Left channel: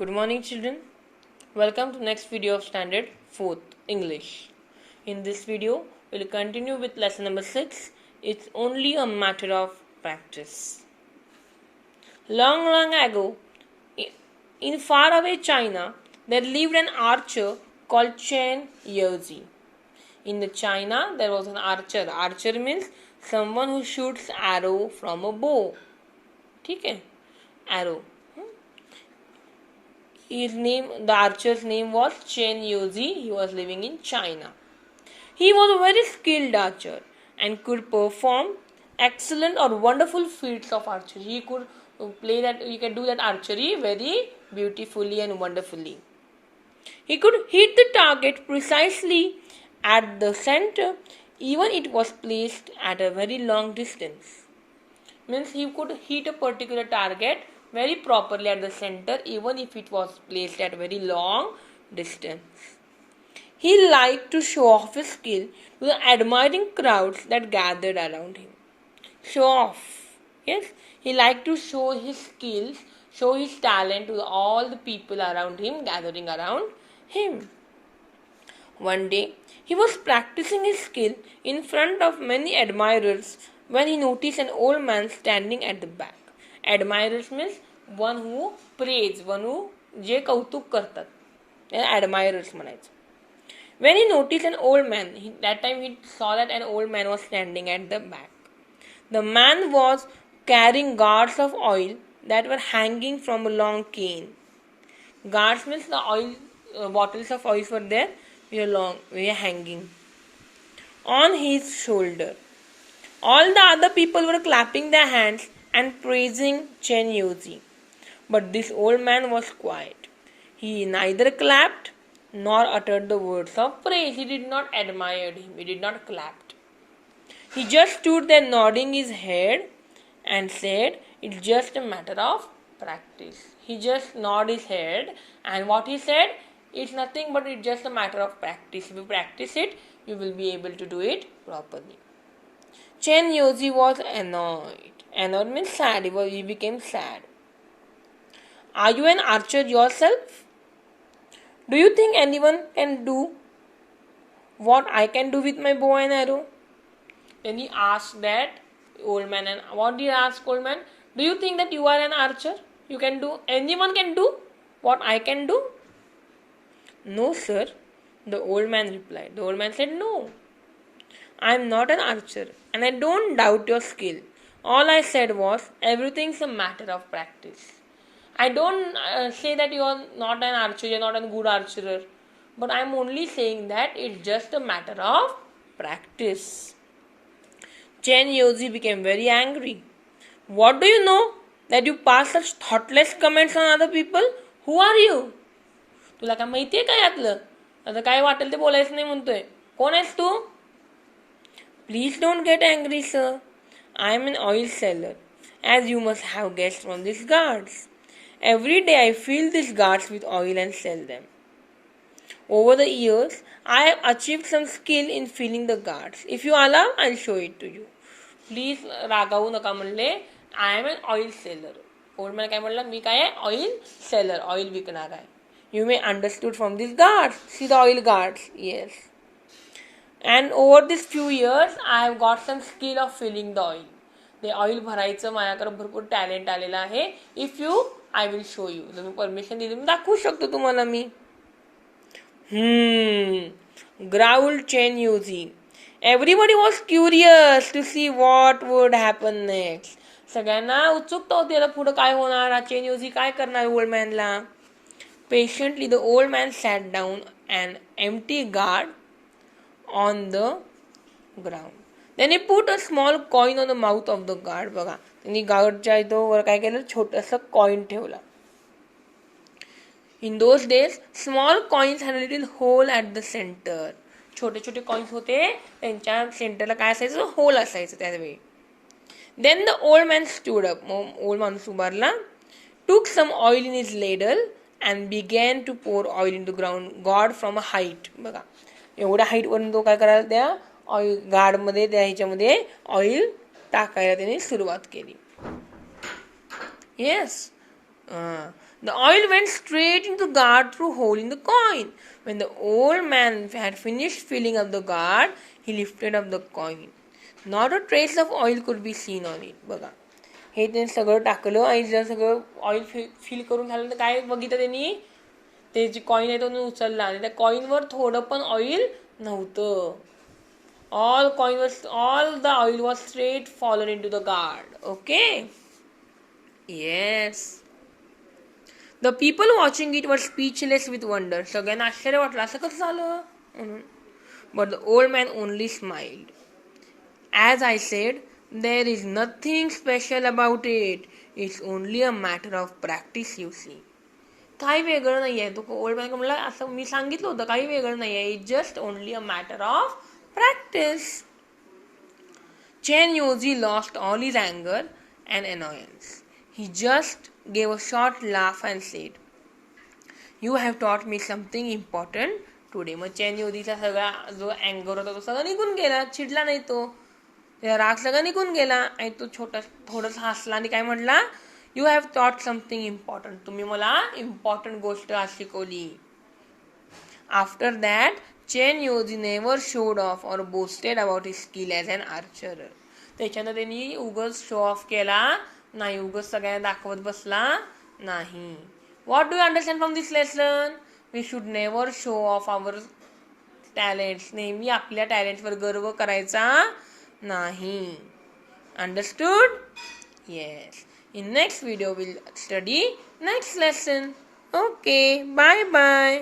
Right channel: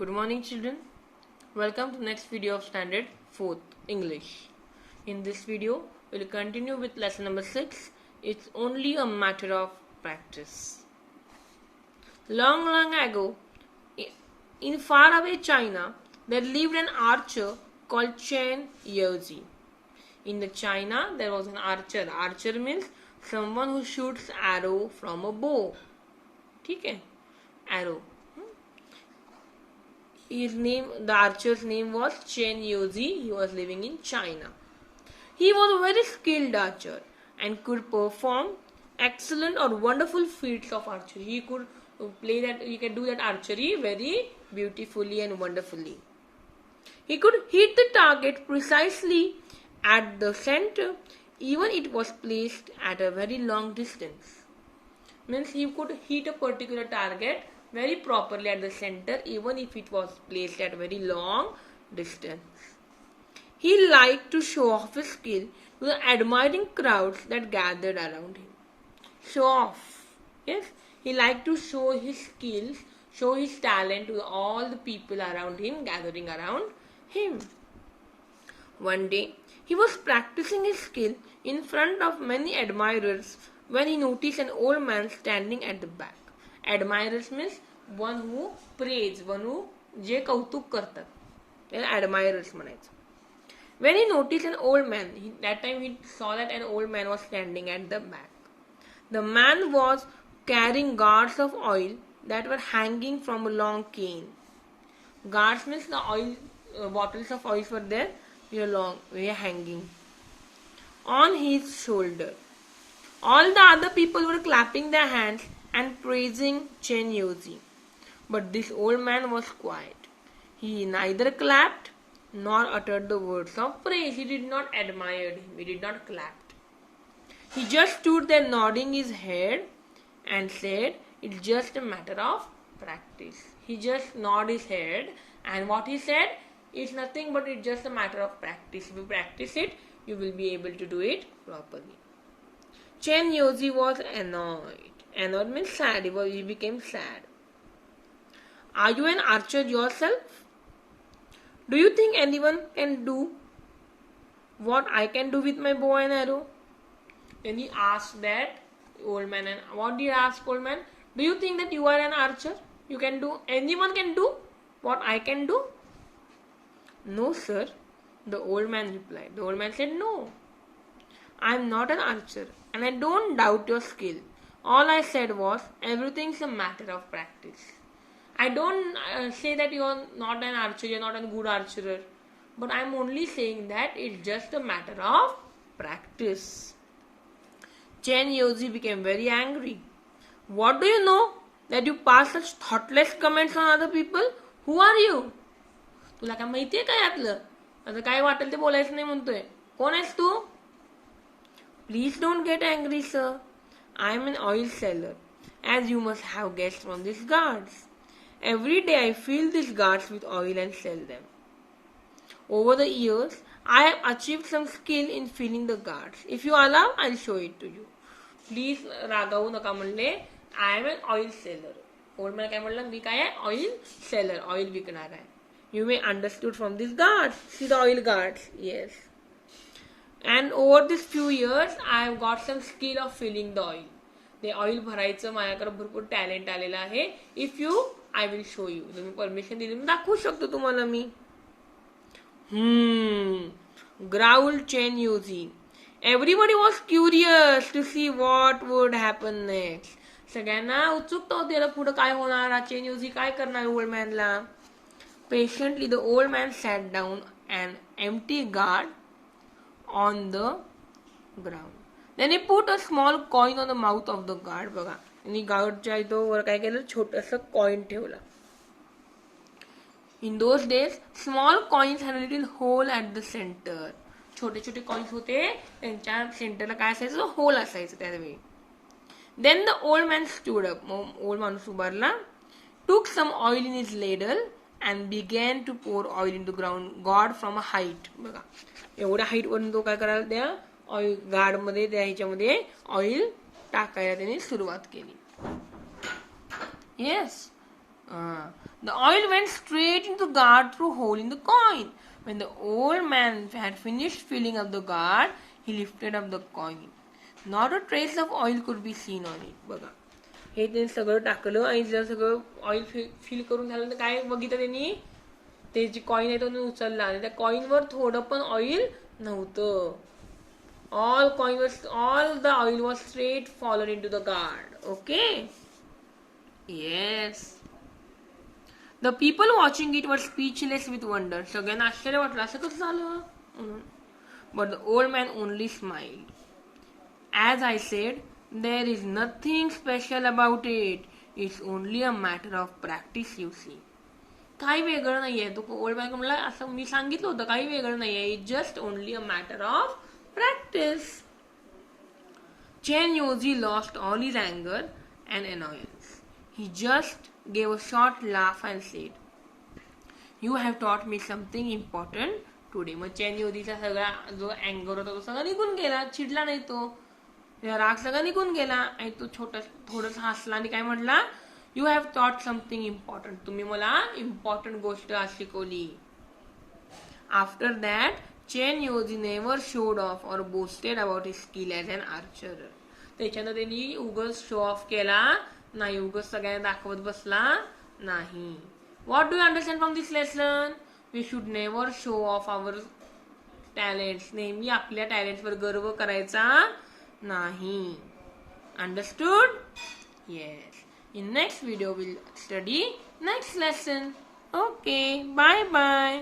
Good morning, children. Welcome to next video of Standard 4th English. In this video, we'll continue with lesson number 6. It's only a matter of practice. Long, long ago, in faraway China, there lived an archer called Chen Yozi. In the China, there was an archer. Archer means someone who shoots arrow from a bow. ठीक है? Arrow. The archer's name was Chen Yozi. He was living in China. He was a very skilled archer and could perform excellent or wonderful feats of archery. He could do that archery very beautifully and wonderfully. He could hit the target precisely at the center, even it was placed at a very long distance. Means he could hit a particular target very properly at the center, even if it was placed at a very long distance. He liked to show off his skill to the admiring crowds that gathered around him. Show off. Yes, he liked to show his skills, show his talent to all the people around him, gathering around him. One day, he was practicing his skill in front of many admirers when he noticed an old man standing at the back. Admirers means one who praise, one who जे कौतुक करतात. Admirers म्हणायचं. When he noticed an old man, that time he saw that an old man was standing at the back. The man was carrying gourds of oil that were hanging from a long cane. Gourds means the oil bottles of oil were there, were hanging on his shoulder. All the other people were clapping their hands and praising Chen Yozi. But this old man was quiet. He neither clapped nor uttered the words of praise. He did not admire him. He did not clap. He just stood there nodding his head and said, "It's just a matter of practice." He just nodded his head, and what he said, it's nothing but it's just a matter of practice. If you practice it, you will be able to do it properly. Chen Yozi was annoyed. Annoyed means sad. He became sad. Are you an archer yourself? Do you think anyone can do what I can do with my bow and arrow? Then he asked that old man, and what did he ask old man? Do you think that you are an archer? Anyone can do what I can do? No, sir, the old man replied. The old man said, no, I am not an archer and I don't doubt your skill. All I said was, everything's a matter of practice. I don't say that you are not an archer, you are not a good archer, but I am only saying that it's just a matter of practice. Chen Yozi became very angry. What do you know that you pass such thoughtless comments on other people? Who are you? तुला काय माहिती आहे काय यातलं? आता काय वाटेल ते बोलायचं नाही म्हणतोय. कोण आहेस तू? Please don't get angry, sir. I am an oil seller, as you must have guessed from these guards. Every day I fill these guards with oil and sell them. Over the years, I have achieved some skill in filling the guards. If you allow, I'll show it to you. Please रागावू नका म्हणले. I am an oil seller. Old man काय म्हणला? मी काय आहे? Oil seller. Oil विकणार आहे. You may understood from these guards. See the oil guards. Yes. And over these few years, I have got some skill of filling the oil. ते oil भरायचं माझ्याकडे भरपूर टॅलेंट आलेलं आहे. If you, I will show you. तुम्ही permission दिली मी दाखवू शकतो तुम्हाला मी. Growled Chen Yozi. Everybody was curious to see what would happen next. सगळ्यांना उत्सुकता होती आता पुढे काय होणार. Chen Yozi काय करणार old मॅनला. Patiently, the old man sat down an empty guard on the ground. Then he put a small coin on the mouth of the guard. बघा, त्यांनी गार्डच्या इथं वर काय केलं, छोटंसं कॉइन ठेवला. In those days, small coins had a little hole at the center. छोटे छोटे coins होते, त्यांच्या सेंटरला काय असायचं, होल असायचं त्यावेळी. Then the old man stood up. Old माणूस उभारला. Took some oil in his ladle and began to pour oil into ground god from a height. बघा, एवढ्या हाईट वरून तो काय करायला त्या ऑइल गार्डमध्ये त्या ह्याच्यामध्ये ऑइल टाकायला त्याने सुरुवात केली. Yes, The oil went straight into the gourd through a hole in the coin. When the old man had finished filling up the gourd, he lifted up the coin. Not a trace of oil could be seen on it. बघा, हे त्यांनी सगळं टाकलं आणि जर सगळं oil fill करून झालं तर काय बघितलं त्यांनी, ते जे कॉइन आहे तो उचलला आणि त्या कॉइनवर थोडं पण ऑइल नव्हतं. all the oil was straight fallen into the gourd. Okay, yes. The people watching it were speechless with wonder. सगळ्यांना आश्चर्य वाटलं, असं कसं झालं. But the old man only smiled. As I said, there is nothing special about it. It's only a matter of practice, you see. काही वेगळं नाही आहे. तो ओल्ड मॅन म्हणला, असं मी सांगितलं होतं, काही वेगळं नाही आहे. It's just only a matter of practice. Chen Yoji lost all his anger and annoyance. He just gave a short laugh and said, "You have taught me something important today." Mug chain योजीचा सगळा जो अँगर होता तो सगळा निघून गेला, चिडला नाही तो, त्याचा राग सगळा निघून गेला आणि तो थोडासा हसला आणि काय म्हणला, "You have taught something important." तुम्ही मला इम्पॉर्टंट गोष्ट आज शिकवली. After that, Chen Yoji never showed off or boasted about his skill as an archer. त्याच्यानं त्यांनी उगाच शो ऑफ केला नाही, उगाच सगळ्यांना दाखवत बसला नाही. What do you understand from this lesson? We should never show off our talents. नेहमी आपल्या टॅलेंटवर गर्व करायचा नाही. Understood? Yes. In next video we'll study next lesson. Okay, bye bye.